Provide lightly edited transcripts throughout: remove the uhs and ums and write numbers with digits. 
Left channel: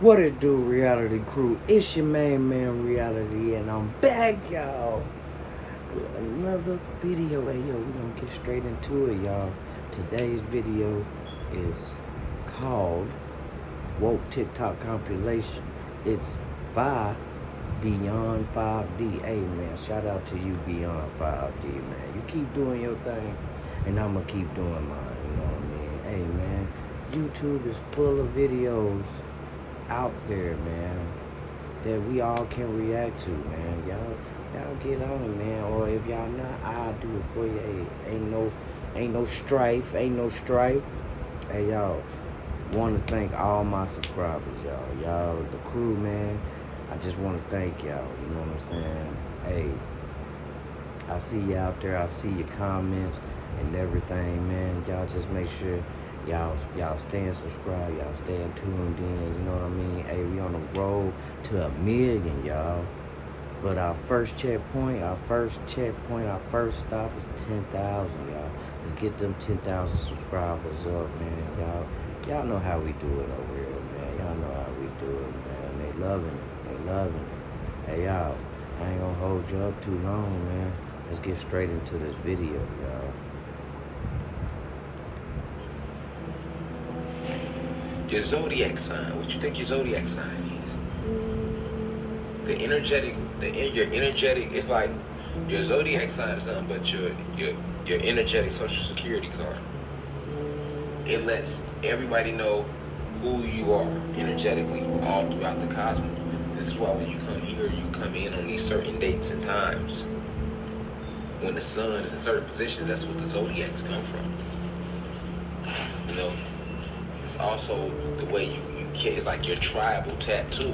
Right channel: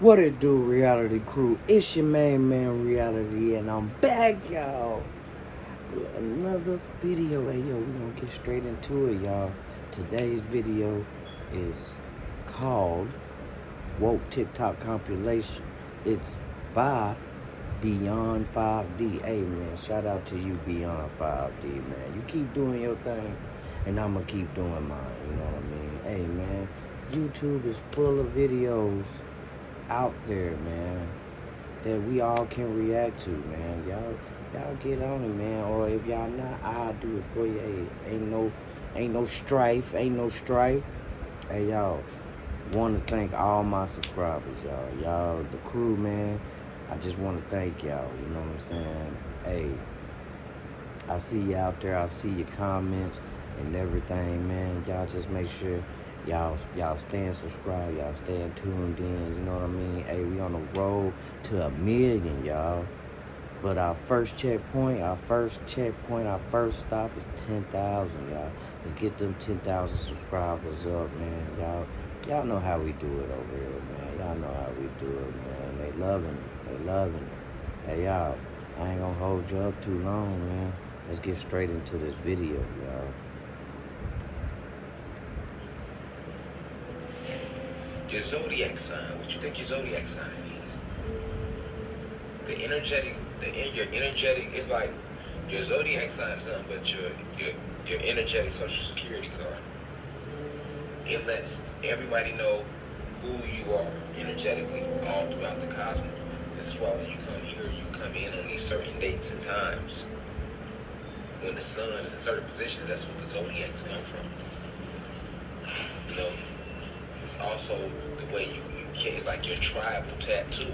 What it do, reality crew? It's your main man, Reality, and I'm back, y'all, with another video. Hey, yo, we gonna get straight into it, y'all. Today's video is called Woke TikTok Compilation. It's by Beyond 5D. Hey, man, shout out to you, Beyond 5D, man. You keep doing your thing, and I'm gonna keep doing mine, you know what I mean? Hey, man, YouTube is full of videos out there, man, that we all can react to, man. Y'all get on it, man. Or if y'all not, I'll do it for you. Hey, ain't no strife. Hey, y'all, want to thank all my subscribers, y'all, the crew, man. I just want to thank y'all, you know what I'm saying? Hey, I see you out there. I see your comments and everything, man. Y'all just make sure y'all staying subscribed, y'all staying tuned in, you know what I mean? Hey, we on the road to 1 million, y'all. But our first checkpoint, our first stop is 10,000, y'all. Let's get them 10,000 subscribers up, man. Y'all know how we do it over here, man. Y'all know how we do it, man. They loving it. Hey, y'all, I ain't gonna hold you up too long, man. Let's get straight into this video, y'all. Your zodiac sign. What you think your zodiac sign is? Your energetic is like your zodiac sign is nothing but your energetic social security card. It lets everybody know who you are energetically all throughout the cosmos. This is why when you come here, you come in on these certain dates and times. When the sun is in certain positions, that's what the zodiacs come from. You know. It's also the way you can, it's like your tribal tattoo.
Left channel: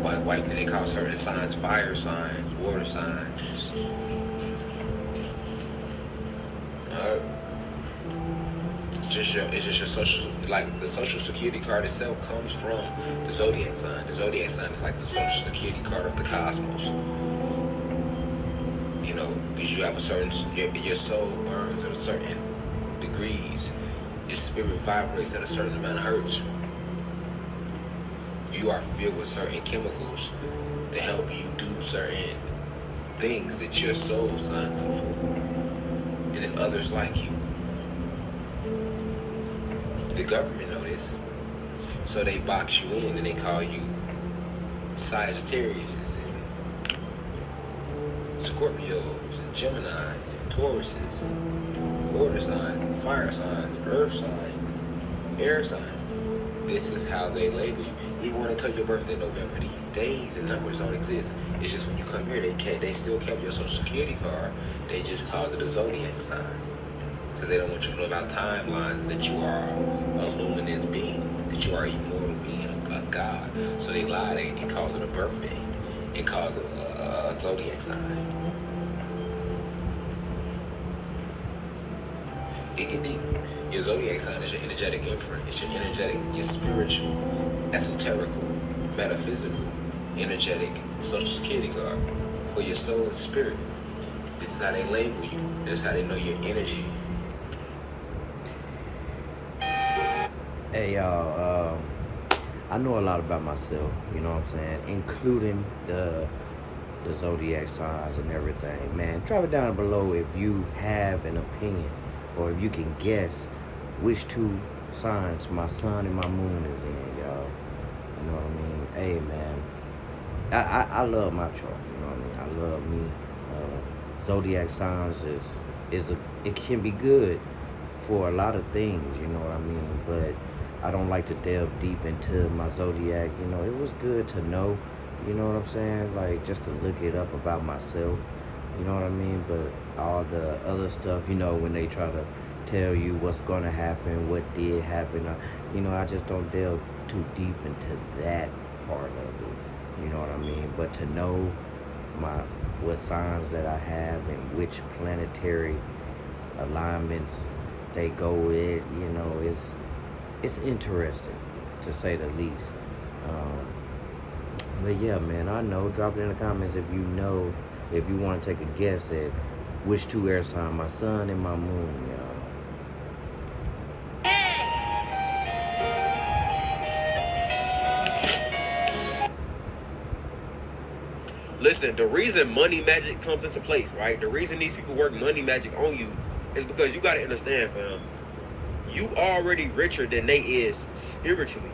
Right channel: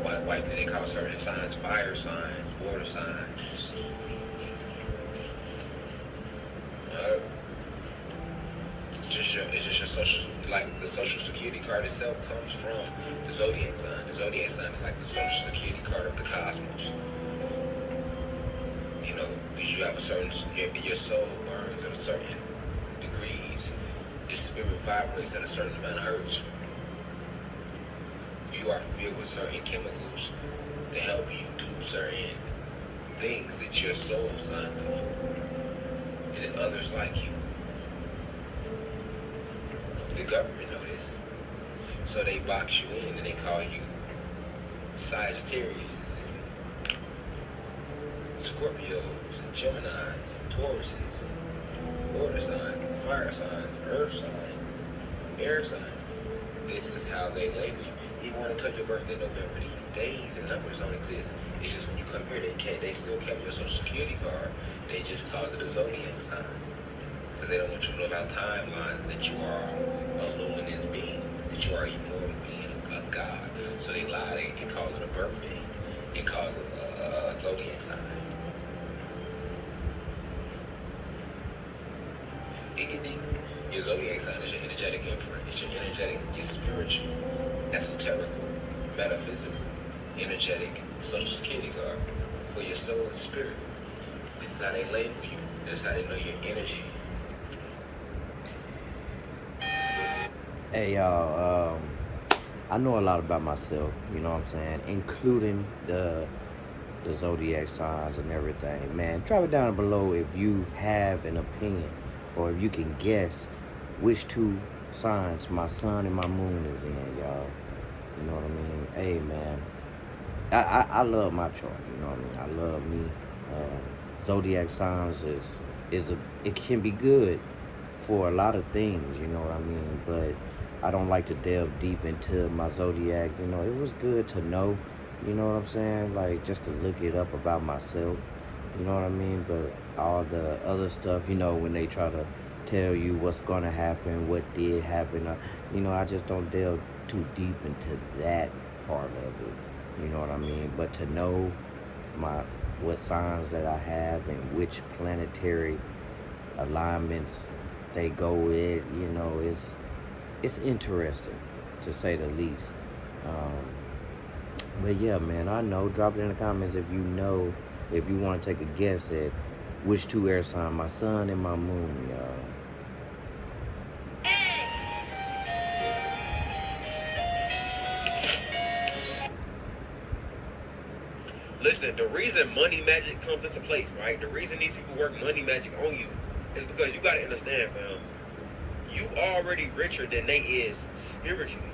White men, they call certain signs fire signs, water signs. It's just your social, like the social security card itself comes from the zodiac sign. The zodiac sign is like the social security card of the cosmos. You know, because you have a certain, your soul burns at a certain degrees. Your spirit vibrates at a certain amount of hertz. You are filled with certain chemicals that help you do certain things that your soul signed up for. And there's others like you. The government know this. So they box you in and they call you Sagittarius and Scorpios and Geminis and Tauruses and water signs and fire signs and earth signs and air signs. This is how they label you. Even when they tell your birthday in November, these days and numbers don't exist. It's just when you come here, they still kept your social security card. They just called it a zodiac sign. Because they don't want you to know about timelines, that you are a luminous being, that you are a immortal being, a god. So they lie, they call it a birthday. They call it a zodiac sign. It get deep. Your zodiac sign is your energetic imprint. It's your energetic, your spiritual, esoterical, metaphysical, energetic social security card for your soul and spirit. This is how they label you. This is how they know your energy. Hey, y'all, I know a lot about myself, you know what I'm saying, including the zodiac signs and everything. Man, drop it down below if you have an opinion or if you can guess which two signs my sun and my moon is in, y'all. You know what I mean? Hey, man, I love my chart, you know what I mean? I love me. Zodiac signs it can be good for a lot of things, you know what I mean? But I don't like to delve deep into my zodiac. You know, it was good to know, you know what I'm saying? Like, just to look it up about myself, you know what I mean? But all the other stuff, you know, when they try to tell you what's going to happen, what did happen, you know, I just don't delve too deep into that part of it, you know what I mean? But to know what signs that I have and which planetary alignments they go with, you know, it's interesting, to say the least. But yeah, man, I know. Drop it in the comments if you know, if you want to take a guess at which two air signs, my sun and my moon, y'all. Listen, the reason money magic comes into place, right? The reason these people work money magic on you is because you gotta understand, fam. You already richer than they is spiritually,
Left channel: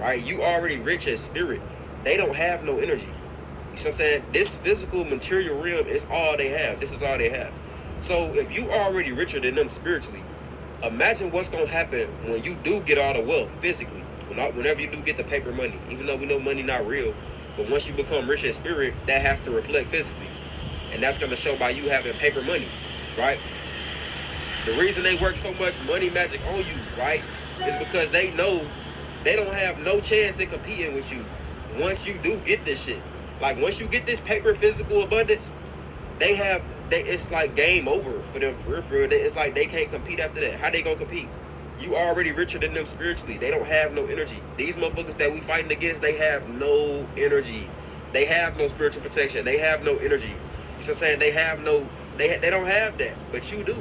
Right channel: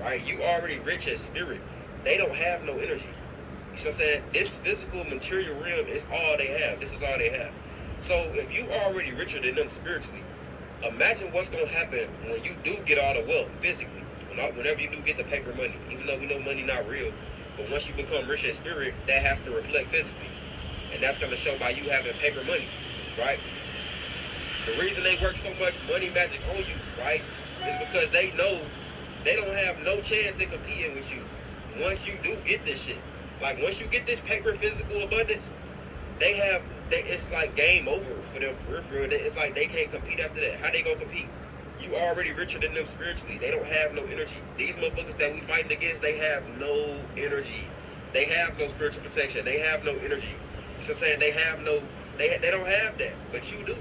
right? You already rich as spirit. They don't have no energy. You see what I'm saying? This physical material realm is all they have. This is all they have. So if you already richer than them spiritually, imagine what's gonna happen when you do get all the wealth physically. Whenever you do get the paper money, even though we know money not real, but once you become rich in spirit, that has to reflect physically. And that's gonna show by you having paper money, right? The reason they work so much money magic on you, right, is because they know they don't have no chance in competing with you once you do get this shit. Like, once you get this paper physical abundance, it's like game over for them, for real. It's like they can't compete after that. How they gonna compete? You already richer than them spiritually. They don't have no energy. These motherfuckers that we fighting against, they have no energy. They have no spiritual protection. They have no energy. You see what I'm saying? They don't have that, but you do.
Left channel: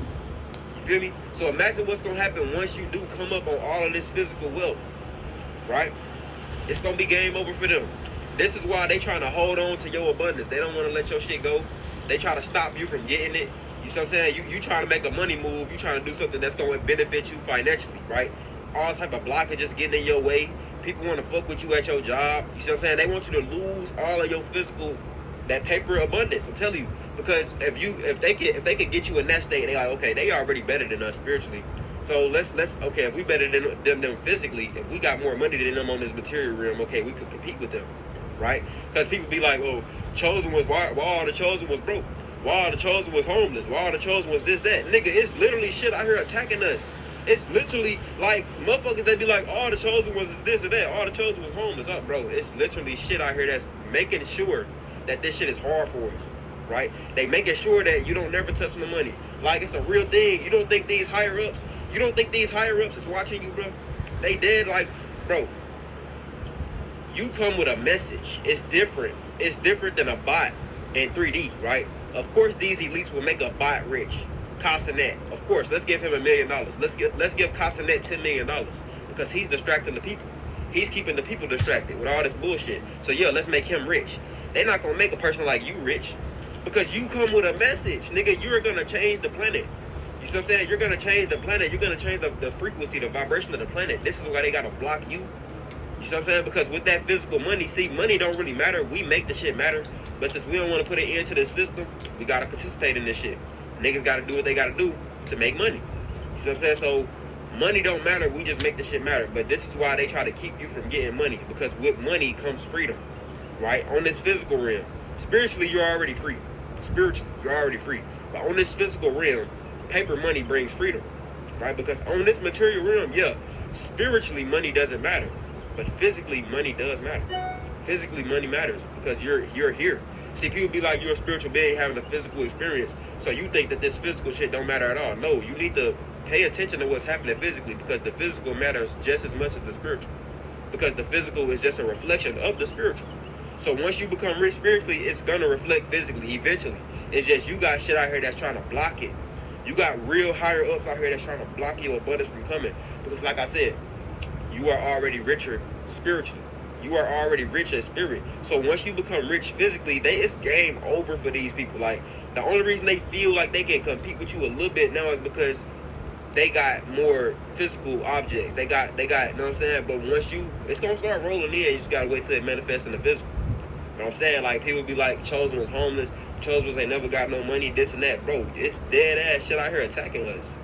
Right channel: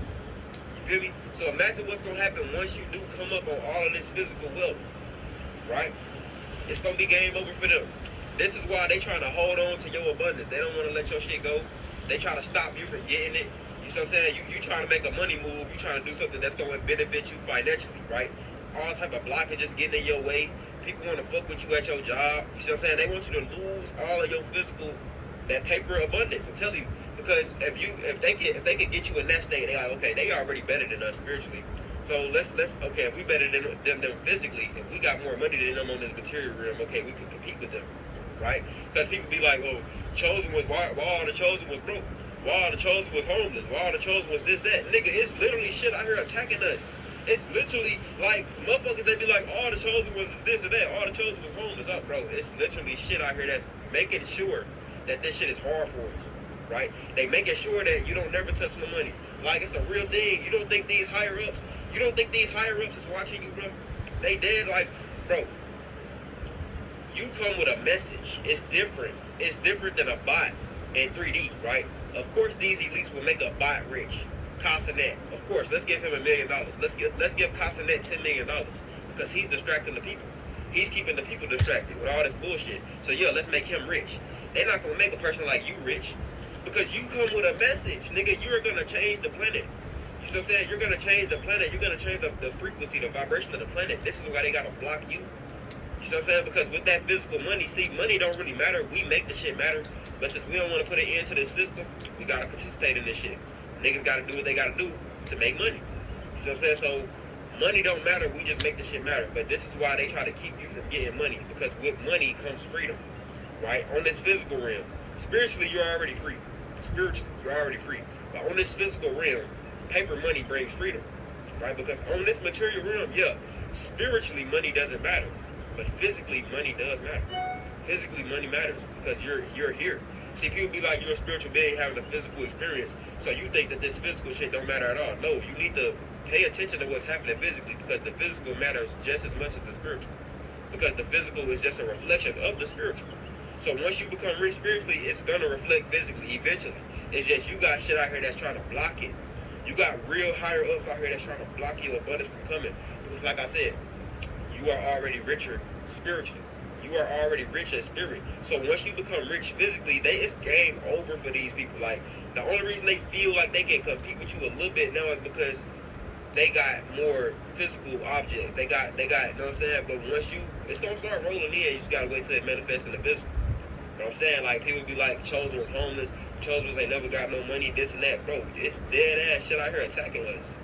You feel me? So imagine what's gonna happen once you do come up on all of this physical wealth, right? It's gonna be game over for them. This is why they trying to hold on to your abundance. They don't want to let your shit go. They try to stop you from getting it. You see what I'm saying? You trying to make a money move. You trying to do something that's going to benefit you financially, right? All type of blockages getting in your way. People want to fuck with you at your job. You see what I'm saying? They want you to lose all of your physical, that paper abundance. I'm telling you, because if they could get you in that state, they like, okay, they already better than us spiritually. So let's okay, if we better than them physically, if we got more money than them on this material realm, okay, we could compete with them, right? Because people be like, well, Chosen was why all the Chosen was broke. Why all the Chosen was homeless. Why all the Chosen was this, that. Nigga, it's literally shit out here attacking us. It's literally like motherfuckers that be like, all the Chosen was this or that. All the Chosen was homeless. Oh, bro, it's literally shit out here that's making sure that this shit is hard for us, right? They making sure that you don't never touch the money. Like, it's a real thing. You don't think these higher ups is watching you, bro? They dead. Like, bro, you come with a message. It's different. It's different than a bot in 3D, right? Of course, these elites will make a bot rich. Casanet, of course, let's give him $1 million. Let's give Casanet $10 million because he's distracting the people. He's keeping the people distracted with all this bullshit. So yeah, let's make him rich. They're not gonna make a person like you rich because you come with a message, nigga. You're gonna change the planet. You see what I'm saying? You're gonna change the planet. You're gonna change the frequency, the vibration of the planet. This is why they gotta block you. You see what I'm saying? Because with that physical money, see, money don't really matter. We make the shit matter. But since we don't want to put it into the system, we got to participate in this shit. Niggas got to do what they got to do to make money. You see what I'm saying? So money don't matter. We just make the shit matter. But this is why they try to keep you from getting money. Because with money comes freedom, right? On this physical realm. Spiritually, you're already free. Spiritually, you're already free. But on this physical realm, paper money brings freedom, right? Because on this material realm, yeah, spiritually money doesn't matter. But physically, money does matter. Physically, money matters because you're here. See, people be like, you're a spiritual being having a physical experience. So you think that this physical shit don't matter at all. No, you need to pay attention to what's happening physically because the physical matters just as much as the spiritual. Because the physical is just a reflection of the spiritual. So once you become rich spiritually, it's going to reflect physically eventually. It's just you got shit out here that's trying to block it. You got real higher ups out here that's trying to block your abundance from coming. Because like I said, you are already richer spiritually. You are already rich as spirit. So once you become rich physically, it's game over for these people. Like, the only reason they feel like they can compete with you a little bit now is because they got more physical objects. They got, you know what I'm saying? But once it's gonna start rolling in, you just gotta wait till it manifests in the physical. You know what I'm saying? Like, people be like, Chosen was homeless, Chosen ain't never got no money, this and that. Bro, it's dead ass shit out here attacking us.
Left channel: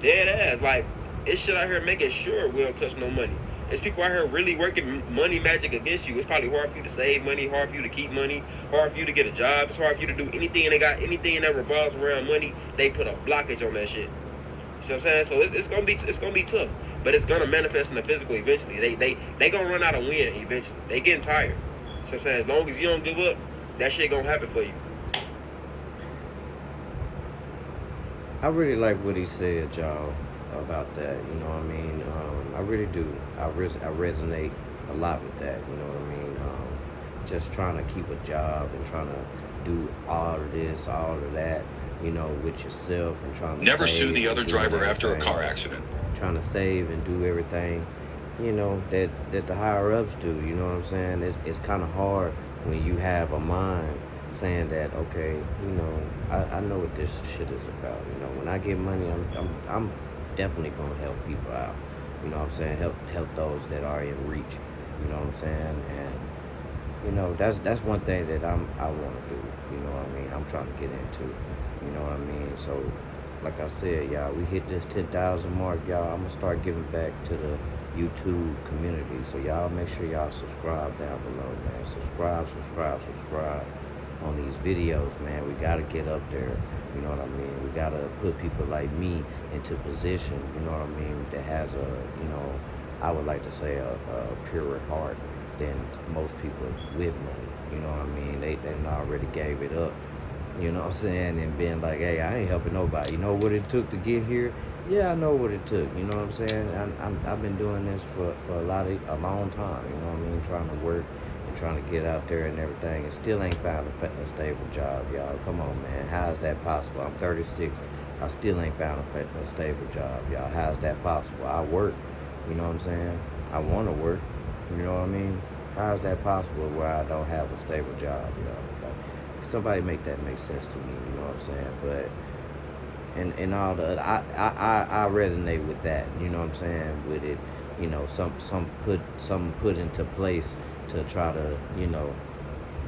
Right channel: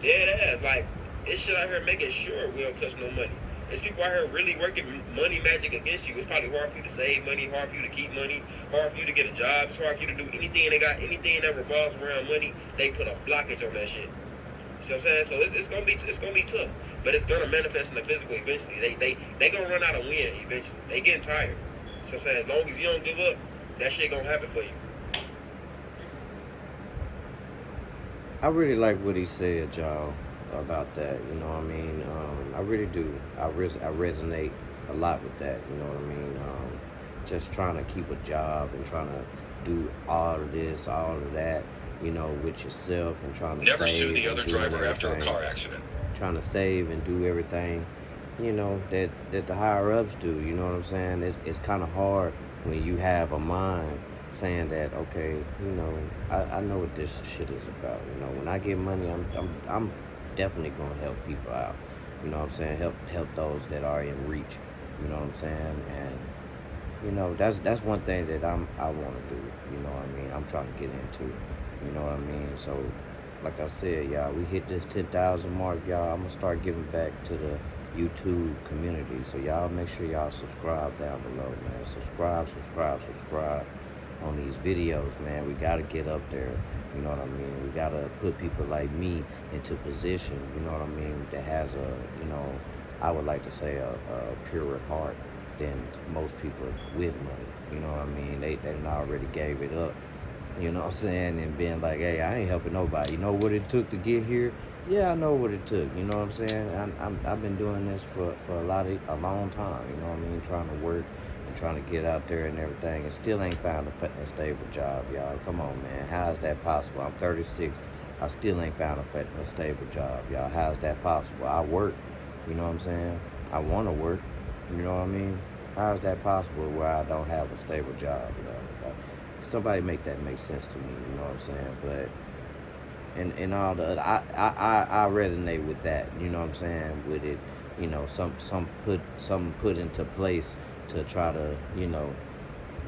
Dead ass. Like, it's shit out here making sure we don't touch no money. There's people out here really working money magic against you. It's probably hard for you to save money, hard for you to keep money, hard for you to get a job. It's hard for you to do anything, and they got anything that revolves around money. They put a blockage on that shit. You see what I'm saying? So it's gonna be tough, but it's gonna manifest in the physical eventually. They gonna run out of wind eventually. They getting tired. You see what I'm saying? As long as you don't give up, that shit gonna happen for you. I really like what he said, y'all, about that. You know what I mean? I really do. I resonate a lot with that. You know what I mean? Just trying to keep a job and trying to do all of this, all of that, you know, with yourself and trying to never save sue the other driver after a car accident. Trying to save and do everything, you know, that the higher ups do. You know what I'm saying? It's kind of hard when you have a mind saying that, okay, I know what this shit is about. When I get money, I'm definitely gonna help people out. You know what I'm saying? Help those that are in reach. You know what I'm saying? And that's one thing that I want to do. You know what I mean? I'm trying to get into. You know what I mean? So, like I said, y'all, we hit this 10,000 mark, y'all. I'm gonna start giving back to the YouTube community. So y'all make sure y'all subscribe down below, man. Subscribe on these videos, man. We gotta get up there. You know what I mean? We gotta put people like me into position. You know what I mean? That has I would like to say a purer heart than most people with money. You know what I mean? They already gave it up. You know what I'm saying? And being like, hey, I ain't helping nobody. You know what it took to get here? Yeah, I know what it took. You know what I'm saying? I've been doing this for a long time. You know what I mean? Trying to work and trying to get out there and everything, and still ain't found a stable job, y'all. Come on, man. How is that possible? I'm 36. I still ain't found a stable job, y'all. How is that possible? I work. You know what I'm saying? I want to work. You know what I mean? How is that possible where I don't have a stable job, y'all? Somebody make that make sense to me. You know what I'm saying? But and all the I resonate with that. You know what I'm saying? With it, some put into place to try to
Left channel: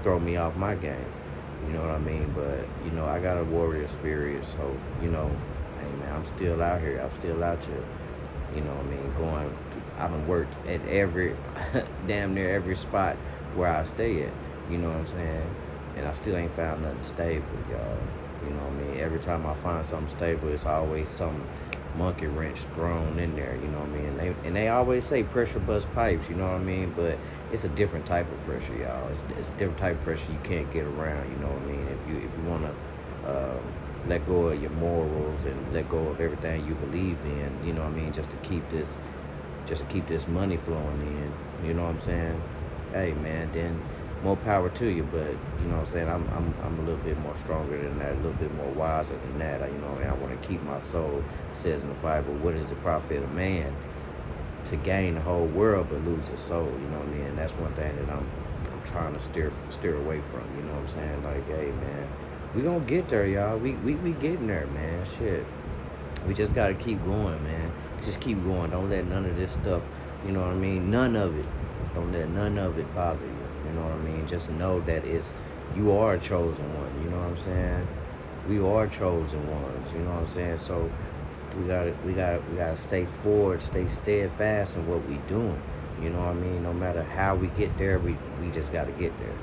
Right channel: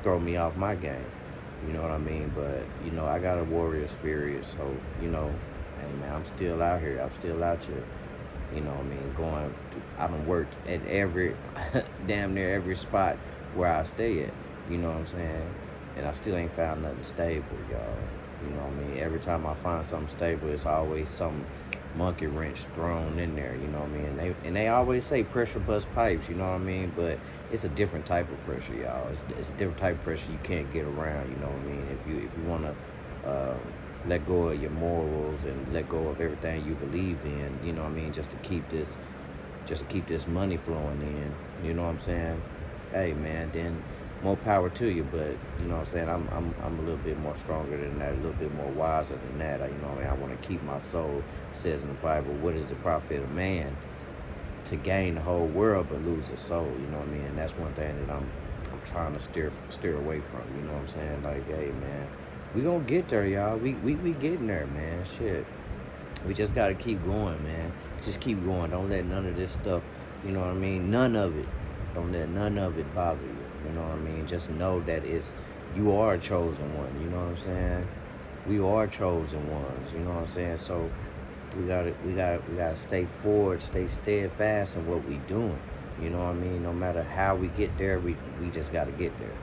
throw me off my game. You know what I mean? But I got a warrior spirit, so hey man, I'm still out here. I'm still out here. You know what I mean? I done worked at every, damn near every spot where I stay at. You know what I'm saying? And I still ain't found nothing stable, y'all. You know what I mean? Every time I find something stable, it's always some monkey wrench thrown in there. You know what I mean? And they always say pressure bust pipes. You know what I mean? But it's a different type of pressure, y'all. It's a different type of pressure you can't get around. You know what I mean? If you want to let go of your morals and let go of everything you believe in, you know what I mean, just to keep this money flowing in, you know what I'm saying? Hey man, then more power to you, but you know what I'm saying, I'm a little bit more stronger than that, a little bit more wiser than that. You know what I mean? I want to keep my soul. It says in the Bible, what is the profit of man to gain the whole world but lose his soul? You know what I mean? And that's one thing that I'm trying to steer away from. You know what I'm saying? Like, hey man, we gonna get there, y'all. We getting there, man. Shit. We just gotta keep going, man. Just keep going. Don't let none of this stuff, you know what I mean? None of it. Don't let none of it bother you. You know what I mean? Just know that you are a chosen one. You know what I'm saying? We are chosen ones. You know what I'm saying? So we gotta stay forward, stay steadfast in what we doing. You know what I mean? No matter how we get there, we just gotta get there.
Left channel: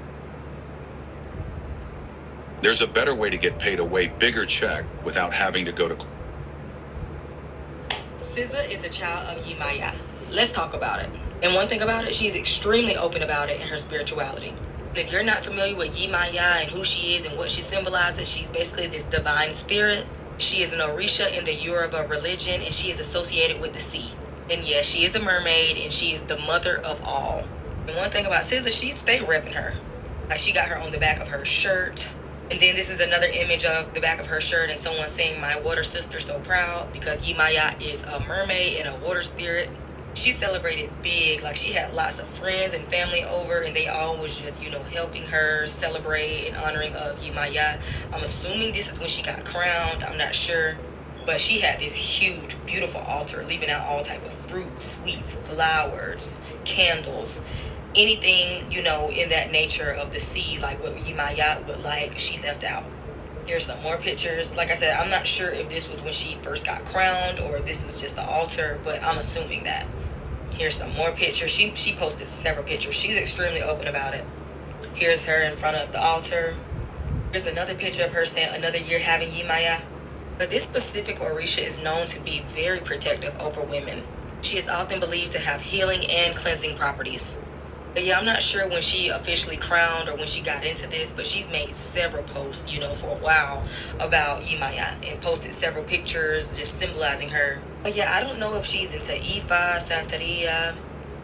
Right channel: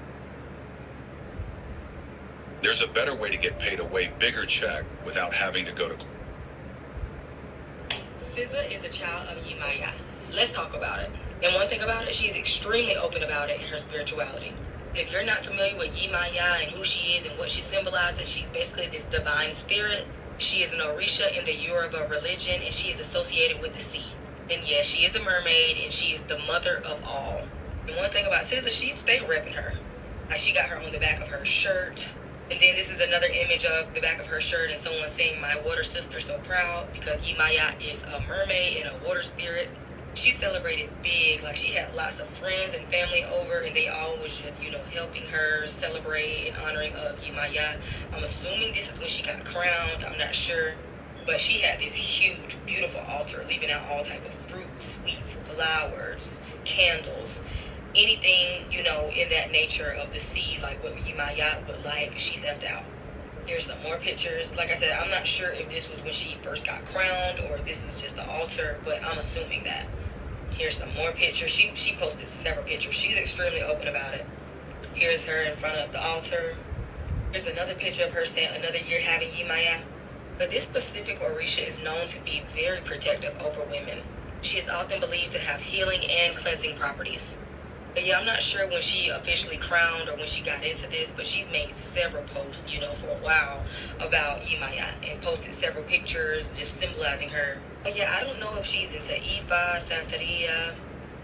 There's a better way to get paid a way bigger check without having to go to. SZA is a child of Yemaya. Let's talk about it. And one thing about it, she's extremely open about it in her spirituality. If you're not familiar with Yemaya and who she is and what she symbolizes, she's basically this divine spirit. She is an Orisha in the Yoruba religion, and she is associated with the sea. And yes, she is a mermaid, and she is the mother of all. And one thing about SZA, she stay repping her. Like, she got her on the back of her shirt. And then this is another image of the back of her shirt and someone saying, my water sister so proud, because Yemaya is a mermaid and a water spirit. She celebrated big. Like, she had lots of friends and family over, and they all was just, helping her celebrate and honoring of Yemaya. I'm assuming this is when she got crowned. I'm not sure. But she had this huge, beautiful altar, leaving out all type of fruits, sweets, flowers, candles. Anything, in that nature of the sea, like what Yemaya would like, she left out. Here's some more pictures. Like I said, I'm not sure if this was when she first got crowned or this was just the altar, but I'm assuming that. Here's some more pictures. She posted several pictures. She's extremely open about it. Here's her in front of the altar. Here's another picture of her saying another year having Yemaya. But this specific Orisha is known to be very protective over women. She is often believed to have healing and cleansing properties. But yeah, I'm not sure when she officially crowned or when she got into this, but she's made several posts, for a while about Yemaya and posted several pictures just symbolizing her. But yeah, I don't know if she's into Ifa, Santeria,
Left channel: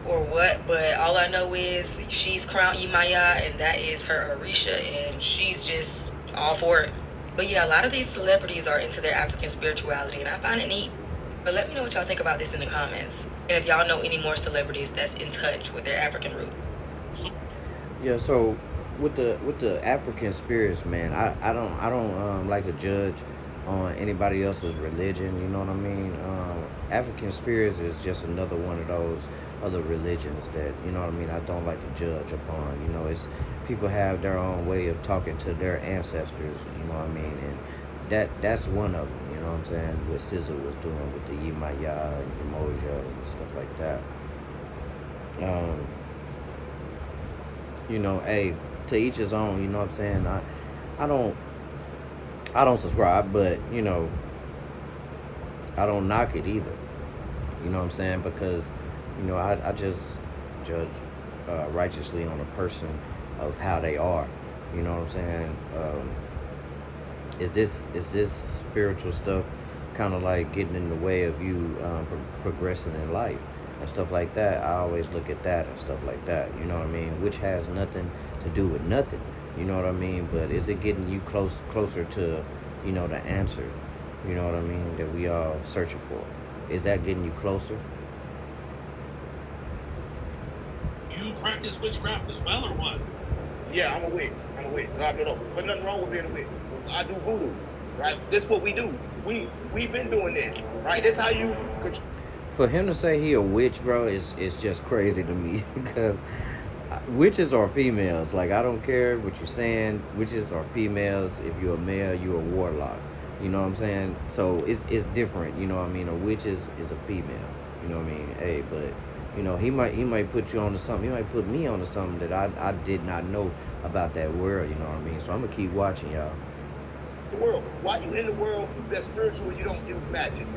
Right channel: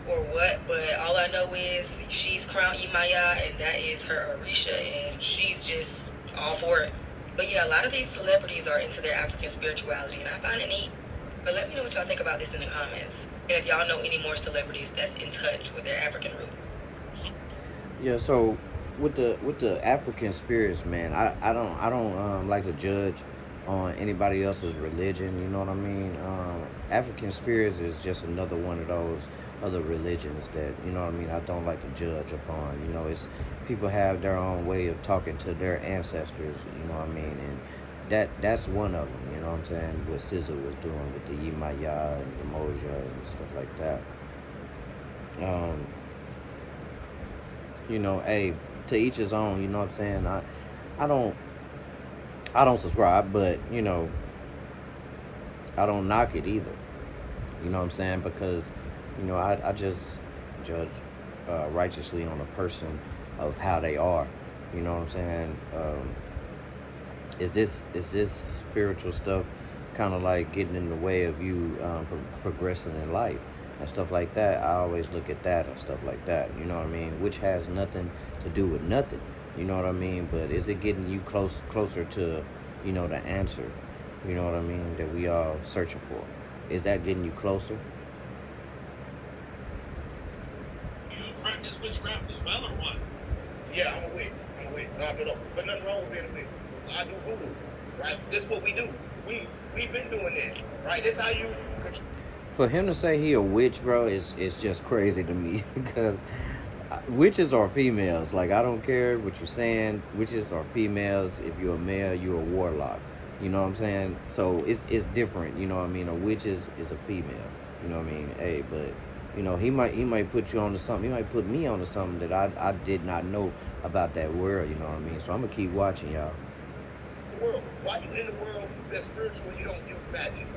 or what, but all I know is she's crowned Yemaya, and that is her Orisha, and she's just all for it. But yeah, a lot of these celebrities are into their African spirituality, and I find it neat. But let me know what y'all think about this in the comments. And if y'all know any more celebrities that's in touch with their African root. Yeah, so with the African spirits, man, I don't like to judge on anybody else's religion. You know what I mean? African spirits is just another one of those other religions that, you know what I mean, I don't like to judge upon. You know, it's people have their own way of talking to their ancestors. You know what I mean? And that's one of them. You know what I'm saying? What SZA was doing with the Yemaya and Yemoja and stuff like that. You know, hey, to each his own. You know what I'm saying? I don't subscribe, but you know, I don't knock it either. You know what I'm saying? Because, you know, I just judge righteously on a person of how they are. You know what I'm saying? Is this spiritual stuff kind of like getting in the way of you progressing in life and stuff like that? I always look at that and stuff like that. You know what I mean? Which has nothing to do with nothing. You know what I mean? But is it getting you closer to, you know, the answer? You know what I mean? That we all searching for. Is that getting you closer? You practice witchcraft as well, or what? Yeah, I'm a witch. No. But nothing wrong with being a witch. I do voodoo, right? This is what we do. We've been doing this, right? This how you. For him to say he a witch, bro, is just crazy to me because witches are females. Like, I don't care what you're saying. Witches are females. If you're a male, you're a warlock. You know what I'm saying? So it's different. You know what I mean? A witch is a female. You know what I mean? Hey, but you know, he might put you onto something. He might put me onto something that I did not know about that world. You know what I mean? So I'm gonna keep watching, y'all. The world. Why you in the world that's spiritual? You don't use magic.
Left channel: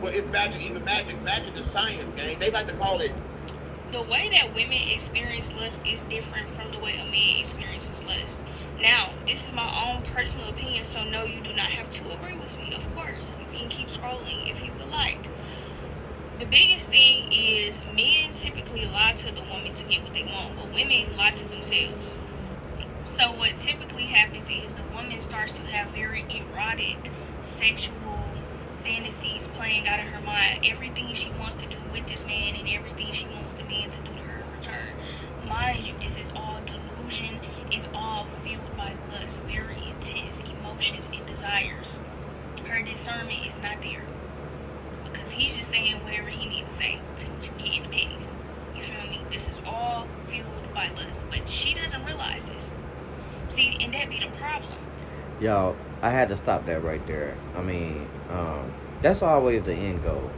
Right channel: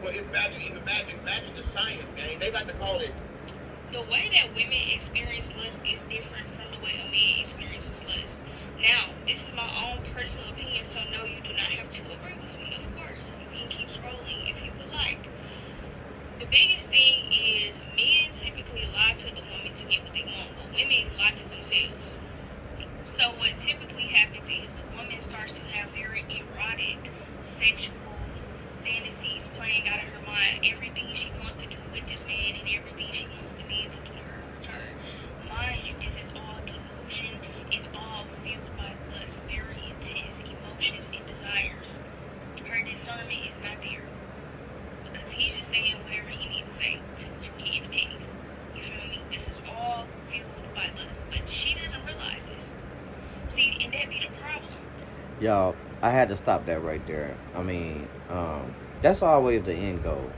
But it's magic. Even magic is science, man. They like to call it. The way that women experience lust is different from the way a man experiences lust. Now, this is my own personal opinion, so no, you do not have to agree with me, of course. You can keep scrolling if you would like. The biggest thing is men typically lie to the woman to get what they want, but women lie to themselves. So what typically happens is the woman starts to have very erotic, sexual fantasies playing out of her mind. Everything she wants to do with this man and everything she wants the man to do to her in return. Mind you, this is all delusion, is all fueled by lust, very intense emotions and desires. Her discernment is not there because he's just saying whatever he needs to say to get in the panties. You feel me? This is all fueled by lust, but she doesn't realize this. See, and that be the problem. Y'all, I had to stop that right there. I mean, that's always the end goal.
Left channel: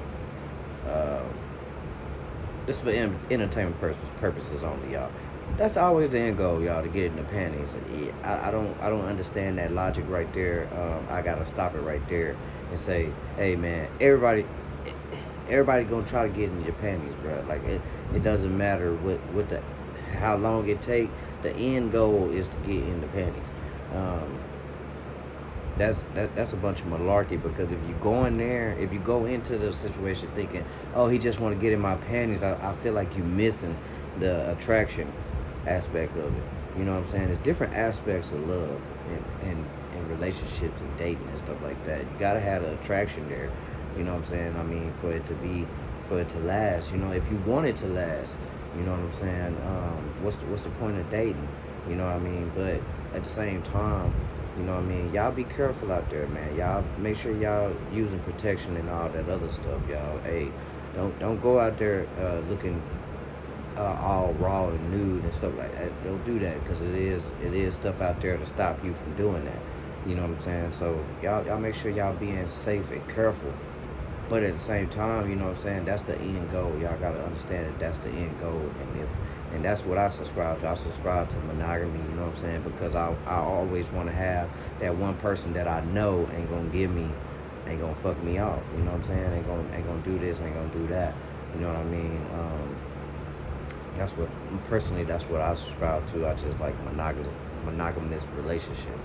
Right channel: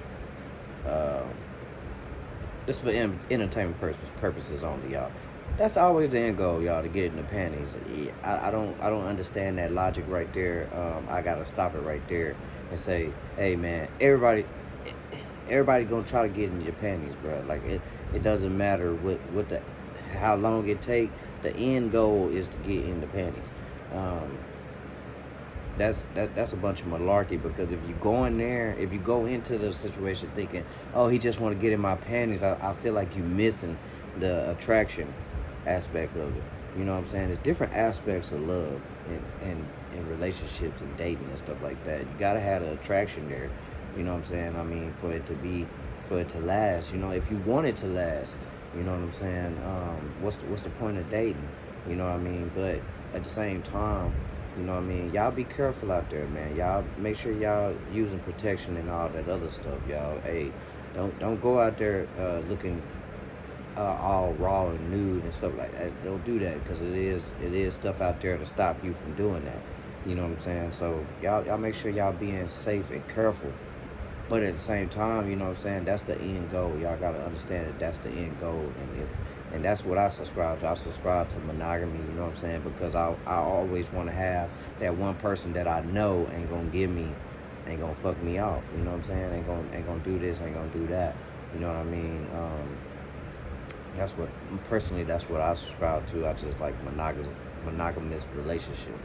This for entertainment purposes only, y'all. That's always the end goal, y'all, to get in the panties. I don't understand that logic right there. I gotta stop it right there and say, hey man, everybody gonna try to get in your panties, bro. Like it doesn't matter how long it take. The end goal is to get in the panties. That's a bunch of malarkey, because if you go into the situation thinking, oh, he just want to get in my panties, I feel like you missing the attraction aspect of it. You know what I'm saying? There's different aspects of love and relationships and dating and stuff like that. You gotta have the attraction there. You know what I'm saying? I mean, for it to last. You know, if you want it to last, you know what I'm saying? What's the point of dating? You know what I mean? But at the same time, you know what I mean? Y'all be careful out there, man. Y'all make sure y'all using protection and all that other stuff, y'all. Hey, don't go out there looking all raw and nude and stuff like that. Don't do that, because it is stuff out there to stop you from doing that. You know what I'm saying? So y'all make sure y'all being safe and careful. But at the same time, you know what I'm saying, that's the end goal. Y'all gotta understand that that's the end goal. And that's what I subscribe to. I subscribe to monogamy, you know what I'm saying? Because I always want to have that one person that I know ain't gonna fuck me off. You know what I'm saying? Ain't gonna do this, ain't gonna do that. You know what I mean? That's what I subscribe to. I just like monogamous relationship.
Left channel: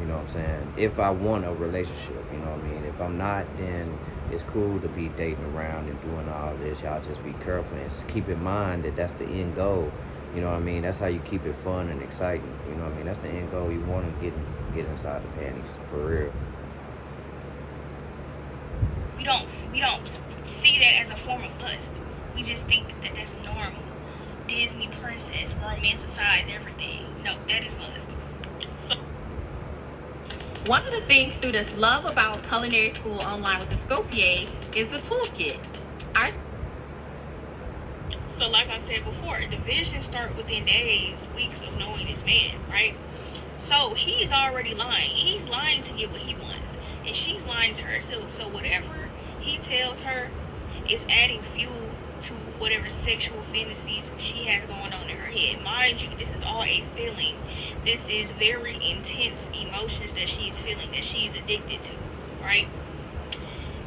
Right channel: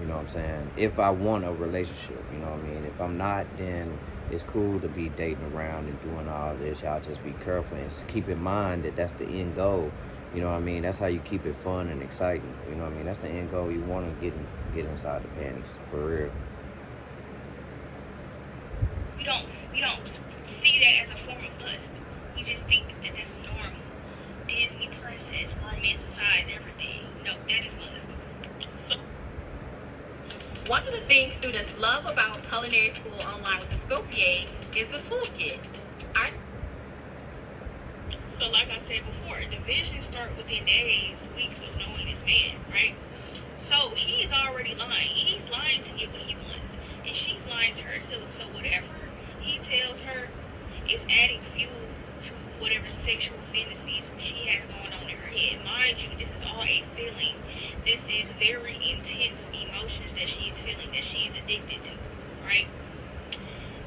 You know what I'm saying? If I want a relationship, you know what I mean? If I'm not, then it's cool to be dating around and doing all this. Y'all just be careful and just keep in mind that that's the end goal. You know what I mean? That's how you keep it fun and exciting. You know what I mean? That's the end goal. You want to get inside the panties, for real. We don't see that as a form of lust. We just think that that's normal. Disney princess, romanticize everything. No, that is lust. So, one of the things students love about culinary school online with the Scopier is the toolkit. So like I said before, the vision start within days, weeks of knowing this man, right? So he's already lying. He's lying to get what he wants. And she's lying to herself. So whatever he tells her is adding fuel to whatever sexual fantasies she has going on in her head. Mind you, this is all a feeling. This is very intense emotions that she's feeling, that she's addicted to, right?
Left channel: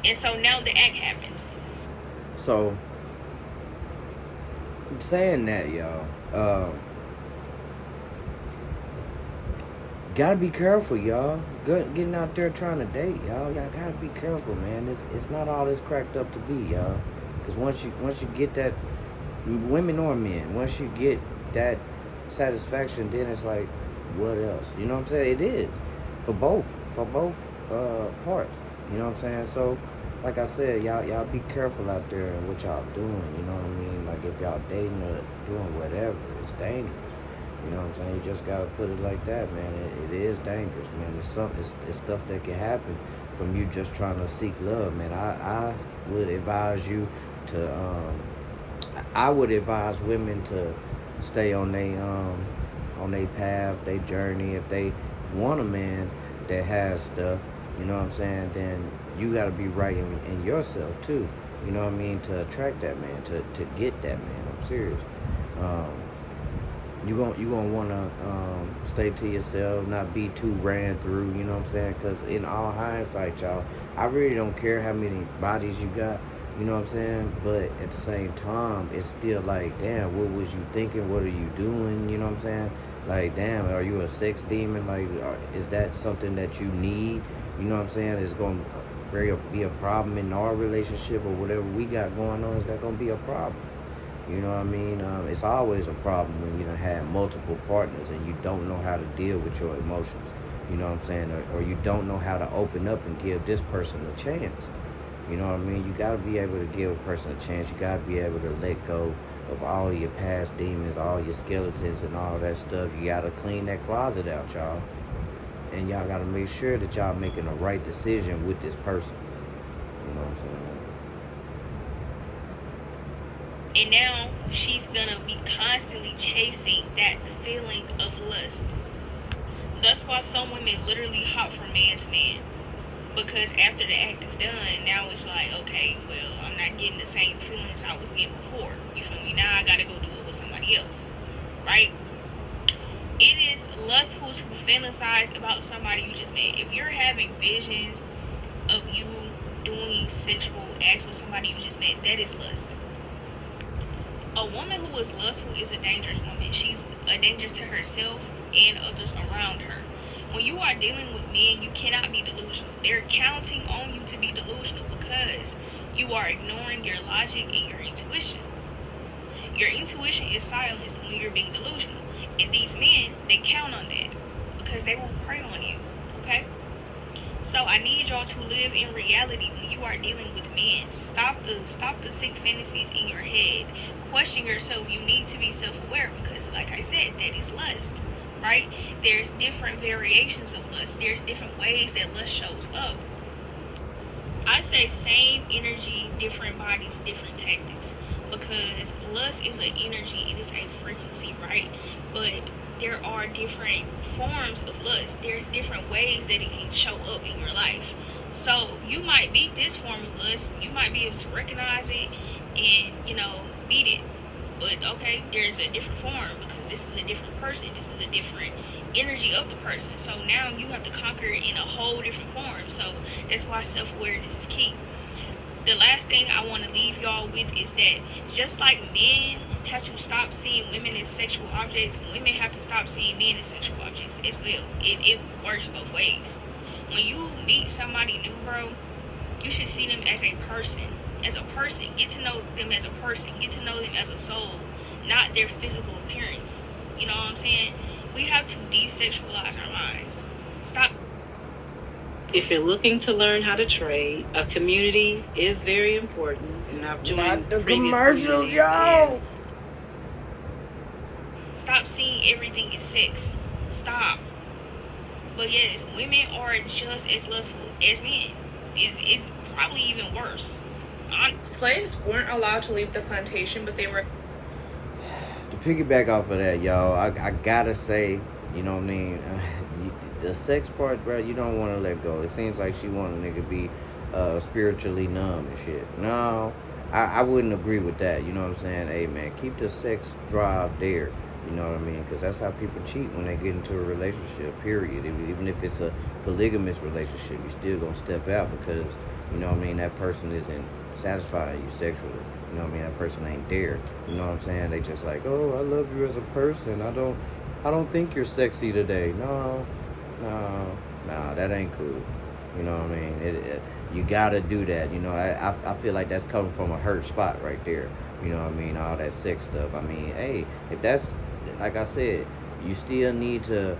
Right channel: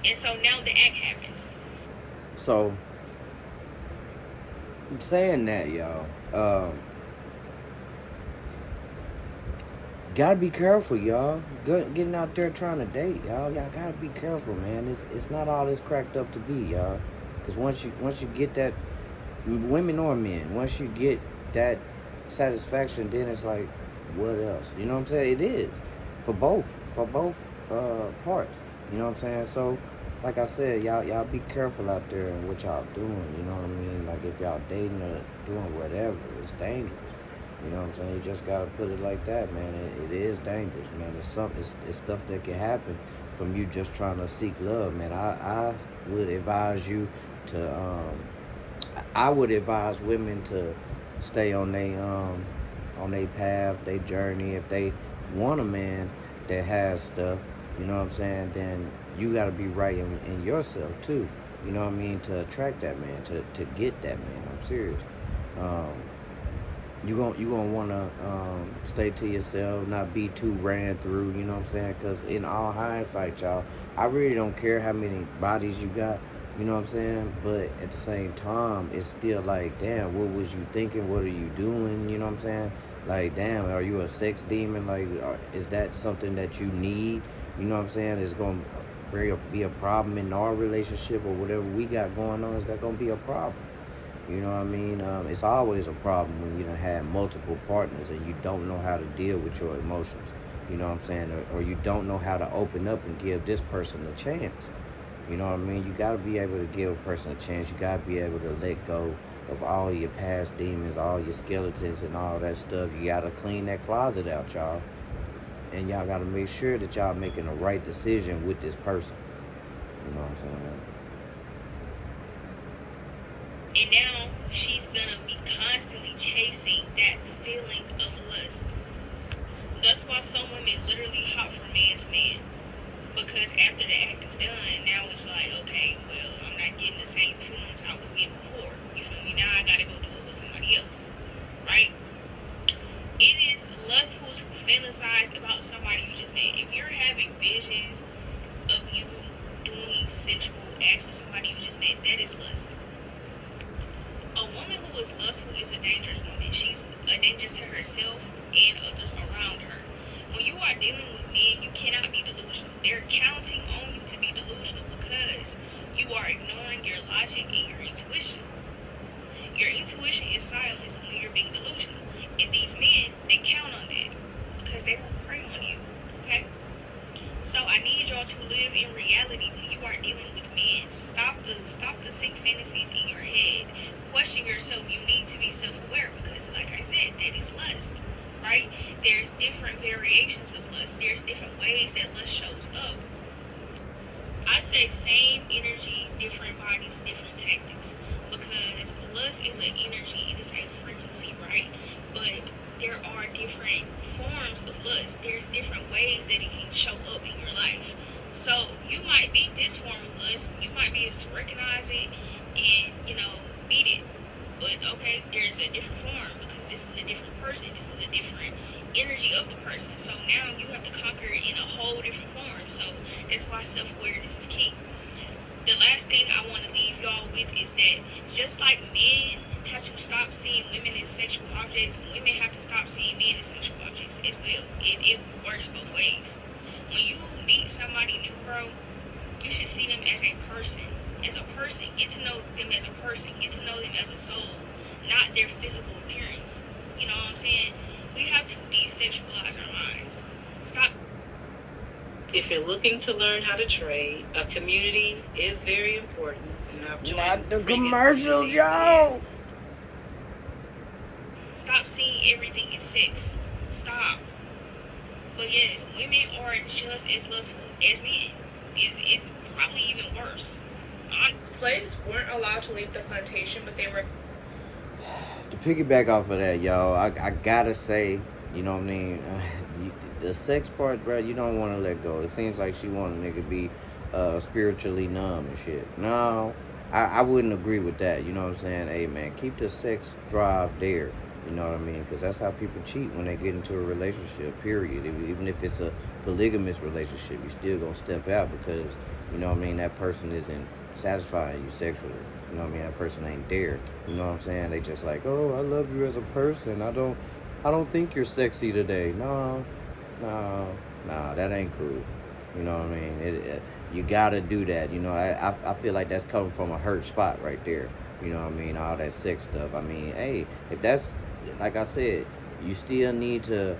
And so now the act happens. So, I'm saying that, y'all. Gotta be careful, y'all. Getting out there trying to date, y'all. Y'all gotta be careful, man. It's not all it's cracked up to be, y'all. Because once you get that, women or men, once you get that satisfaction, then it's like, what else? You know what I'm saying? It is for both parts. You know what I'm saying? So, like I said, y'all be careful out there and what y'all doing. You know what I mean? Like if y'all dating or doing whatever, it's dangerous. You know what I'm saying? You just gotta put it like that, man. It is dangerous, man. It's stuff that can happen from you just trying to seek love, man. I would advise you to I would advise women to stay on their path, their journey. If they want a man that has stuff, you know what I'm saying, then you gotta be right in yourself too. You know what I mean? To attract that man, to get that man. I'm serious. You gonna wanna stay to yourself, not be too ran through. You know what I'm saying? Because in all hindsight, y'all, I really don't care how many bodies you got. You know what I'm saying? But at the same time, it's still like, damn, what was you thinking? What are you doing? You know what I'm saying? Like, damn, are you a sex demon? Like, is that something that you need? You know what I'm saying? It's gonna be a problem in our relationship or whatever we got going on. Is that gonna be a problem? You know what I mean? It's always a problem when you done had multiple partners and you don't know how to deal with your emotions. You know what I'm saying? Or you don't know how to open up and give this person a chance. You know what I mean? You got to be able to give a person a chance. You got to be able to let go of all your past demons, all your skeletons and all that stuff. You got to clean that closet out, y'all. And y'all got to make sure that y'all making the right decision with this person. You know what I'm saying? And now she's gonna be constantly chasing that feeling of lust. That's why some women literally hop from man to man. Because after the act is done, now it's like, okay, well, I'm not getting the same feelings I was getting before. You feel me? Now I gotta go do it with somebody else. Right? It is lustful to fantasize about somebody you just met. If you're having visions of you doing sexual acts with somebody you just met, that is lust. A woman who is lustful is a dangerous woman. She's a danger to herself and others around her. When you are dealing with men, you cannot be delusional. They're counting on you to be delusional because you are ignoring your logic and your intuition. Your intuition is silenced when you're being delusional. And these men, they count on that because they will prey on you. Okay? So I need y'all to live in reality when you are dealing with men. Stop the sick fantasies in your head. Question yourself. You need to be self-aware because, like I said, that is lust. Right? There's different variations of lust. There's different ways that lust shows up. I say same energy, different bodies, different tactics. Because lust is an energy, it is a frequency, right? But there are different forms of lust. There's different ways that it can show up in your life. So you might beat this form of lust. You might be able to recognize it and, beat it. But okay, there's a different form because this is a different person. This is a different energy of the person. So now you have to conquer it in a whole different form. So that's why self-awareness is key. The last thing I want to leave y'all with is that just like men have to stop seeing women as sexual objects, women have to stop seeing men as sexual objects as well. It works both ways. When you meet somebody new, bro, you should see them as a person. As a person, get to know them as a person, get to know them as a soul, not their physical appearance. You know what I'm saying? We have to desexualize our minds. Stop. If you're looking to learn how to trade, a community is very important. And I've joined Not the previous commercials, communities, y'all. Stop seeing everything as sex. Stop. But yes, women are just as lustful as men. It's probably even worse. Slaves weren't allowed to leave the plantation, but they were. To piggyback off of that, y'all, I gotta say, you know what I mean? The sex part, bro, you don't want to let go. It seems like she want a nigga to be spiritually numb and shit. No, I wouldn't agree with that. You know what I'm saying? Hey, man, keep the sex drive there. You know what I mean? Because that's how people cheat when they get into a relationship, period. Even if it's a polygamous relationship, you still gonna step out because, you know what I mean, that person isn't satisfying you sexually. You know what I mean? That person ain't there. You know what I'm saying? They just like, oh, I love you as a person. I don't think you're sexy today. No, that ain't cool. You know what I mean? You gotta do that. You know, I feel like that's coming from a hurt spot right there. You know what I mean? All that sex stuff. I mean, hey, if that's, like I said, you still need to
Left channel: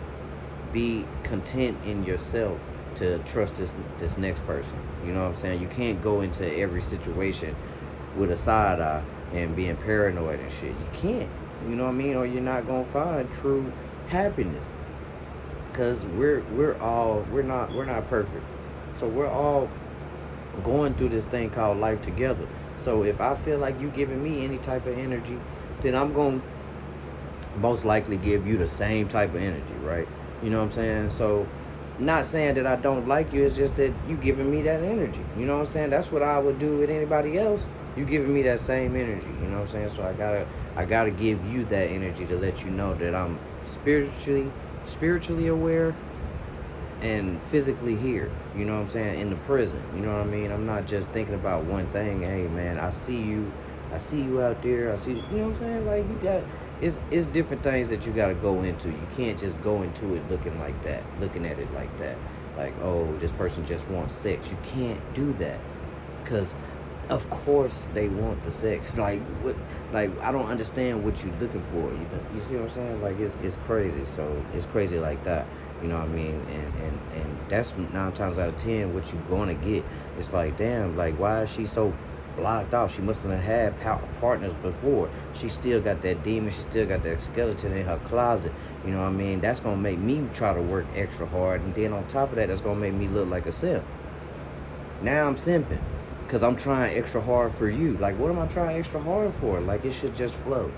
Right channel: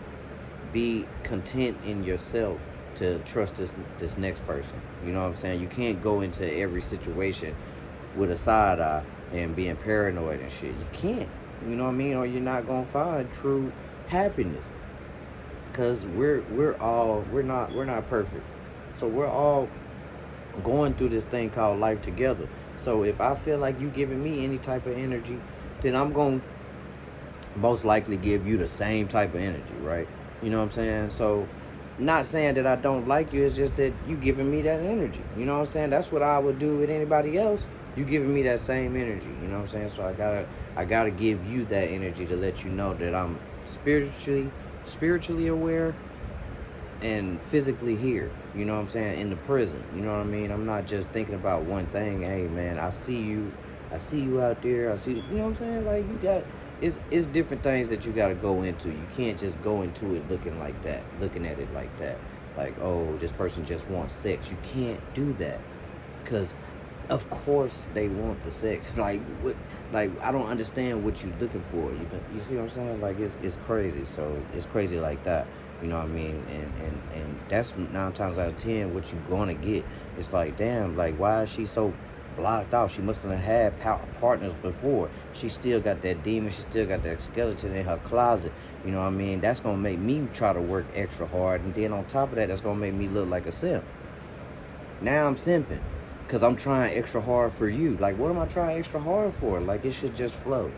be content in yourself to trust this next person. You know what I'm saying? You can't go into every situation with a side eye and being paranoid and shit. You can't. You know what I mean? Or you're not gonna find true happiness. Cause we're not perfect. So we're all going through this thing called life together. So if I feel like you giving me any type of energy, then I'm gonna most likely give you the same type of energy, right? You know what I'm saying? So not saying that I don't like you, it's just that you giving me that energy. You know what I'm saying? That's what I would do with anybody else. You giving me that same energy. You know what I'm saying? So I gotta give you that energy to let you know that I'm spiritually aware and physically here. You know what I'm saying? In the prison. You know what I mean? I'm not just thinking about one thing. Hey man, I see you out there. I see, you know what I'm saying? Like, you got, it's different things that you got to go into. You can't just go into it looking at it like that. Like, oh, this person just wants sex. You can't do that. Because, of course, they want the sex. Like, what? Like, I don't understand what you're looking for. You see what I'm saying? Like, it's crazy. So, it's crazy like that. You know what I mean? And that's 9 times out of 10 what you're going to get. It's like, damn, like, why is she so blocked out? She must have had partners before. She still got that demon. She still got that skeleton in her closet. You know what I mean? That's going to make me try to work extra hard. And then on top of that, that's going to make me look like a simp. Now I'm simping because I'm trying extra hard for you. Like, what am I trying extra hard for? Like, it should just flow.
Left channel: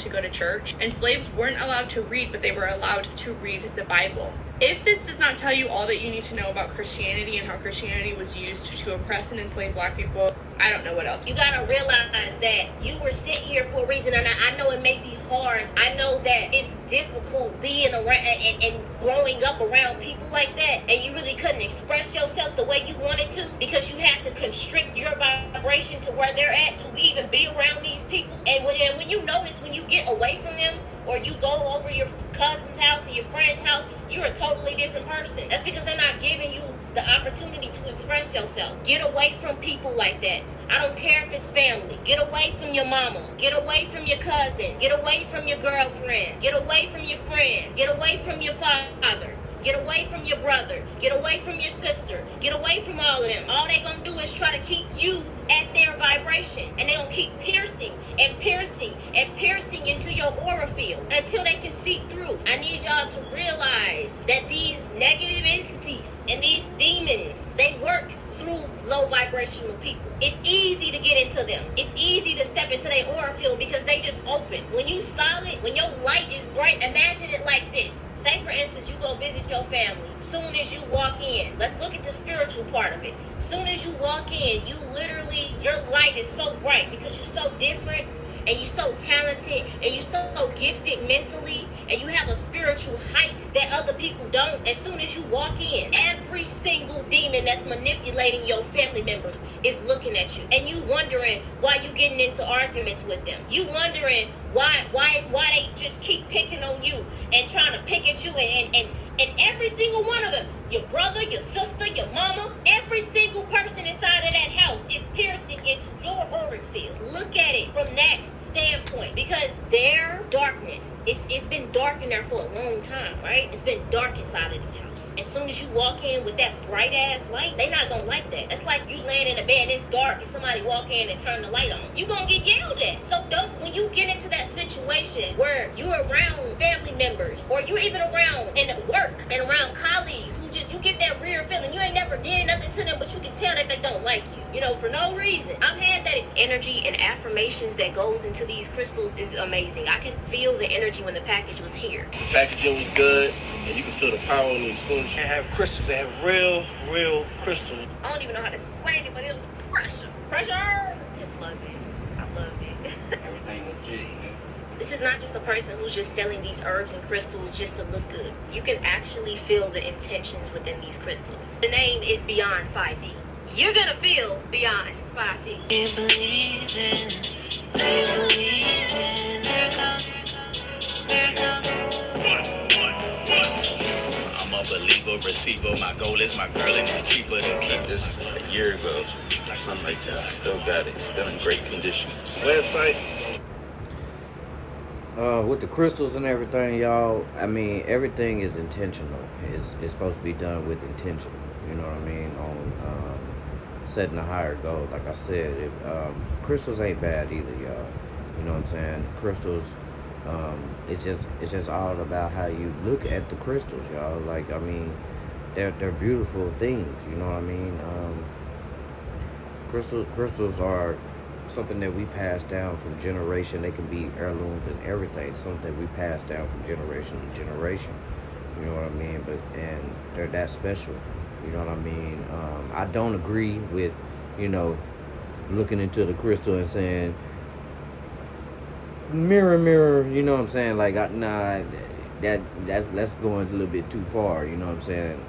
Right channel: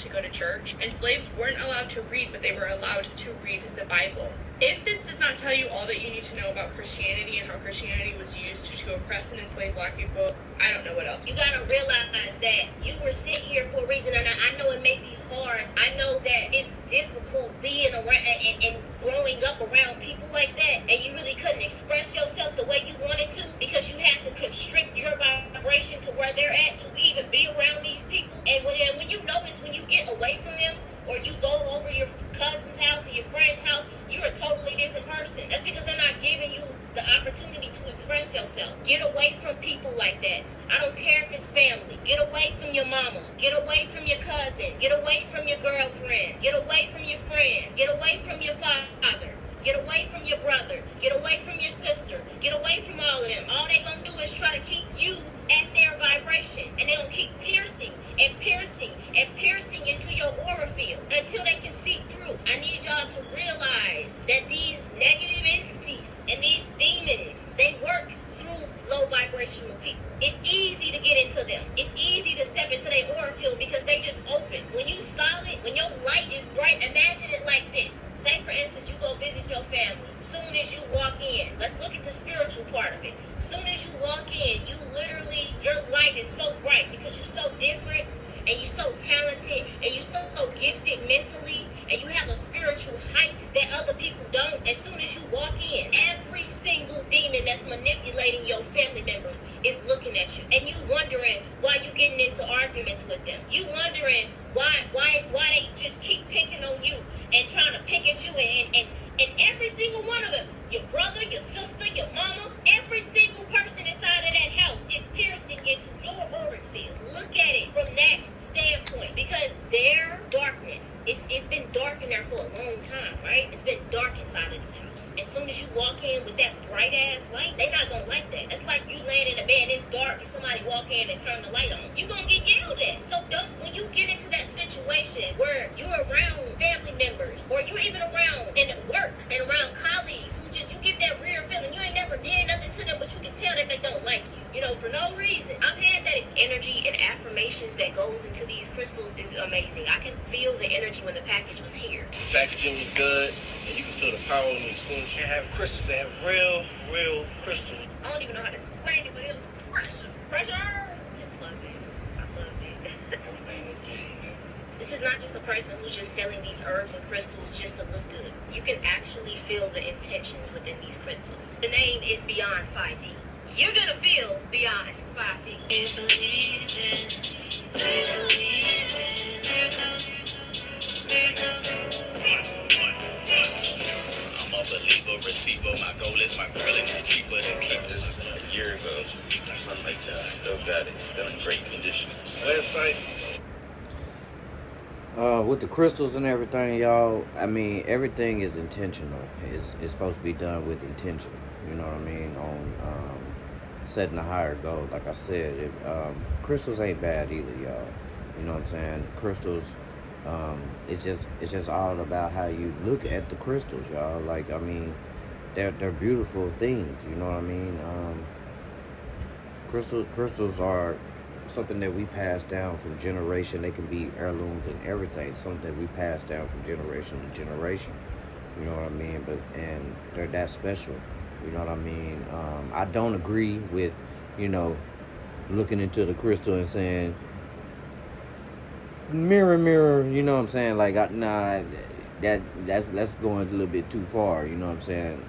To go to church, and slaves weren't allowed to read, but they were allowed to read the Bible. If this does not tell you all that you need to know about Christianity and how Christianity was used to oppress and enslave black people, I don't know what else. You gotta realize that you were sent here for a reason, and I know it may be hard. I know that it's difficult being around and growing up around people like that, and you really couldn't express yourself the way you wanted to because you have to constrict your vibration to where they're at to even be around these people. And when you notice, when you get away from them, or you go over your cousin's house or your friend's house, you're a totally different person. That's because they're not giving you the opportunity to express yourself. Get away from people like that. I don't care if it's family. Get away from your mama. Get away from your cousin. Get away from your girlfriend. Get away from your friend. Get away from your father. Get away from your brother. Get away from your sister. Get away from all of them. All they're going to do is try to keep you at their vibration. And they're going to keep piercing and piercing and piercing into your aura field until they can see through. I need y'all to realize that these negative entities and these demons, they work through low vibrational people. It's easy to get into them. It's easy to step into their aura field because they just open. When you solid, when your light is bright, imagine it like this. Say for instance, you go visit your family. Soon as you walk in, let's look at the spiritual part of it. Soon as you walk in, you literally, your light is so bright because you're so different and you're so talented and you're so gifted mentally and you have a spiritual height that other people don't. As soon as you walk in, every single demon that's manipulating your family members is looking at you, and you wondering why you getting into arguments with them. You wondering why they just keep picking on you and trying to pick at you, and every single one of them, your brother, your sister, your mama, every single person inside of that house is piercing into your auric field. Look at it from that standpoint, because their darkness, it's been dark in there for a long time, right? It's been dark inside of this house. As soon as you walk in with that bright ass light, they not gonna like that. That's like you laying in a bed and it's dark and somebody walk in and turn the light on. You gonna get yelled at. So don't situation where you're around family members or you're even around in work and around colleagues who just, you get that weird feeling. You ain't never did nothing to them, but you can tell that they don't like you, you know, for no reason. I've had that energy and affirmations that goes into these crystals is amazing. I can feel the energy when the package was here. The packaging was good, and you can feel the power in it as soon as you have crystals. They have real crystals. I don't even know how to explain it, but it was pressure. Pressure! Just love it. I love it. Everything legit, you know? This is not just a person who's just selling these herbs and crystals just to look good. You can actually feel the intentions within these crystals. The name is Beyond 5D. You're gonna feel beyond 5D. Do you believe in? Do you believe in miracles? Miracles? I'm a believer, receiver. My goal is my girl, and it's cheaper to keep This a year ago, something like that. Still got it. Still in great condition. website. With the crystals and everything, y'all, I mean, everything is intentional. It's supposed to be done with intention, you know what I mean, on setting a higher goal. Like I said, crystals ain't bad either, y'all. You know what I'm saying? Crystals, it's just all about how you look at the crystals, y'all. Like, I mean, they're beautiful things, you know what I mean? Crystals are something that we pass down from generation. They can be heirlooms and everything. Something that we pass down from generation to generation. You know what I mean? And they're that special. You know what I mean? I don't agree with, you know, looking into the crystal and saying, mirror, mirror. You know what I'm saying? Like, nah, that's going a little bit too far. You know what I'm saying?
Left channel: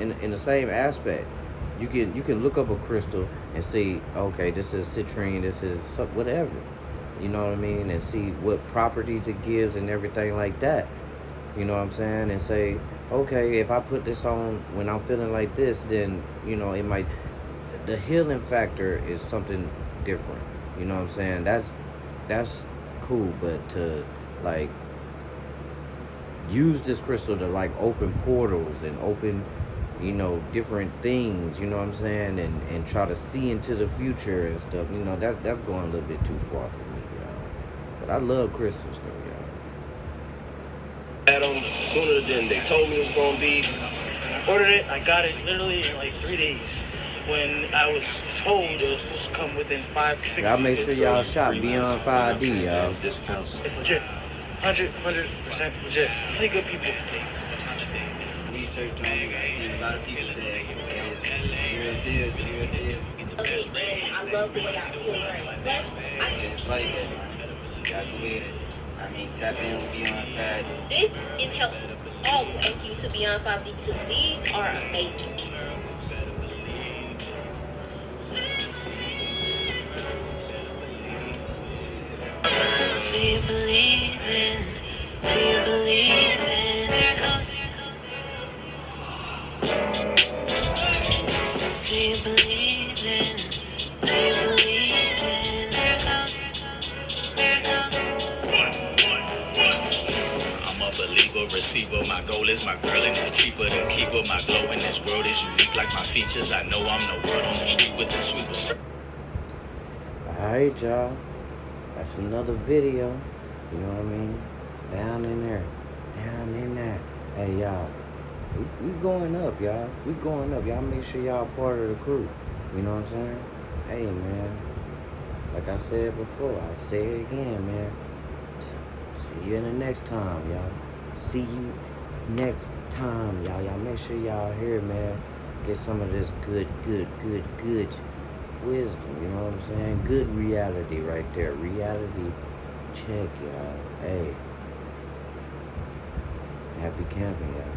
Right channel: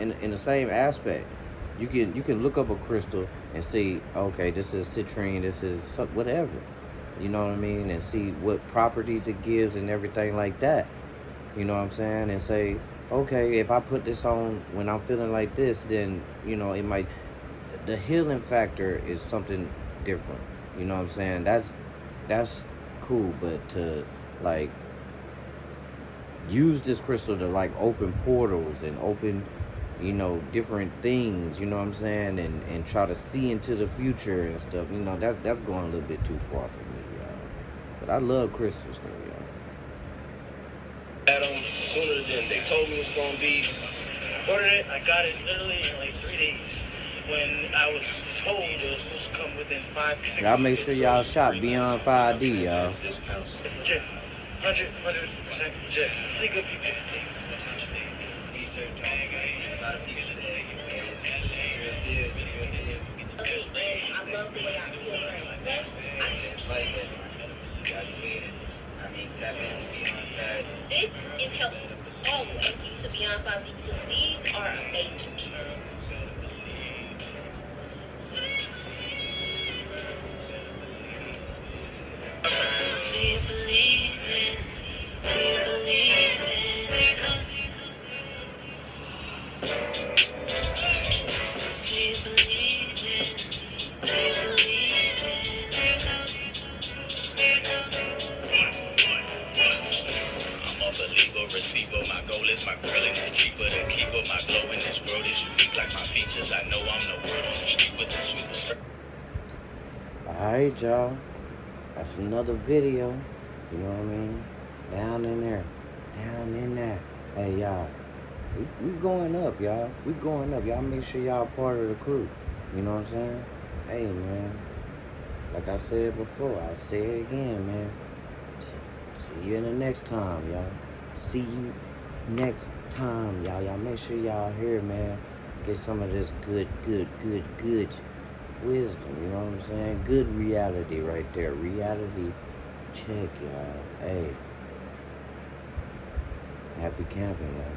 In the same aspect. You can look up a crystal and see, okay, this is citrine, this is whatever, you know what I mean, and see what properties it gives and everything like that, you know what I'm saying, and say, okay, if I put this on when I'm feeling like this, then, you know, it might, the healing factor is something different, you know what I'm saying, that's cool, but to, like, use this crystal to, like, open portals and open, you know, different things, you know what I'm saying, and try to see into the future and stuff, you know, that's going a little bit too far for me, y'all. But I love crystals, though, y'all. Had them sooner than they told me it was going to be. I ordered it, I got it literally in like 3 days. When I was told it was supposed to come within 5 to 6 Y'all make sure y'all shop Beyond 5D, y'all. It's legit. 100% legit. Really good people. Research on it, I seen a lot of people say it's the real deal, it's the real deal. I love the way I feel right. Plus, Like that, you got to win. I mean, tap in with Beyond 5D. this is helpful all the way. Thank you to Beyond 5D because these are amazing. Do you believe in miracles? Do you believe in miracles? I'm a believer, receiver. My goal is my girl, and it's cheaper to keep her. My glow in this world is unique like my features. I know I'm the word on the street with the superstar. Alright, y'all. That's another video. You know what I mean? Down in there. Down in there. Hey, y'all. We going up, y'all. We going up. Y'all make sure y'all part of the crew. You know what I'm saying? Hey, man. Like I said before, I'll say it again, man. So, see you in the next time, y'all. See you next time, y'all. Y'all make sure y'all here, man. Get some of this good wisdom, you know what I'm saying? Good reality right there. Reality check, y'all. Hey. Happy camping, y'all.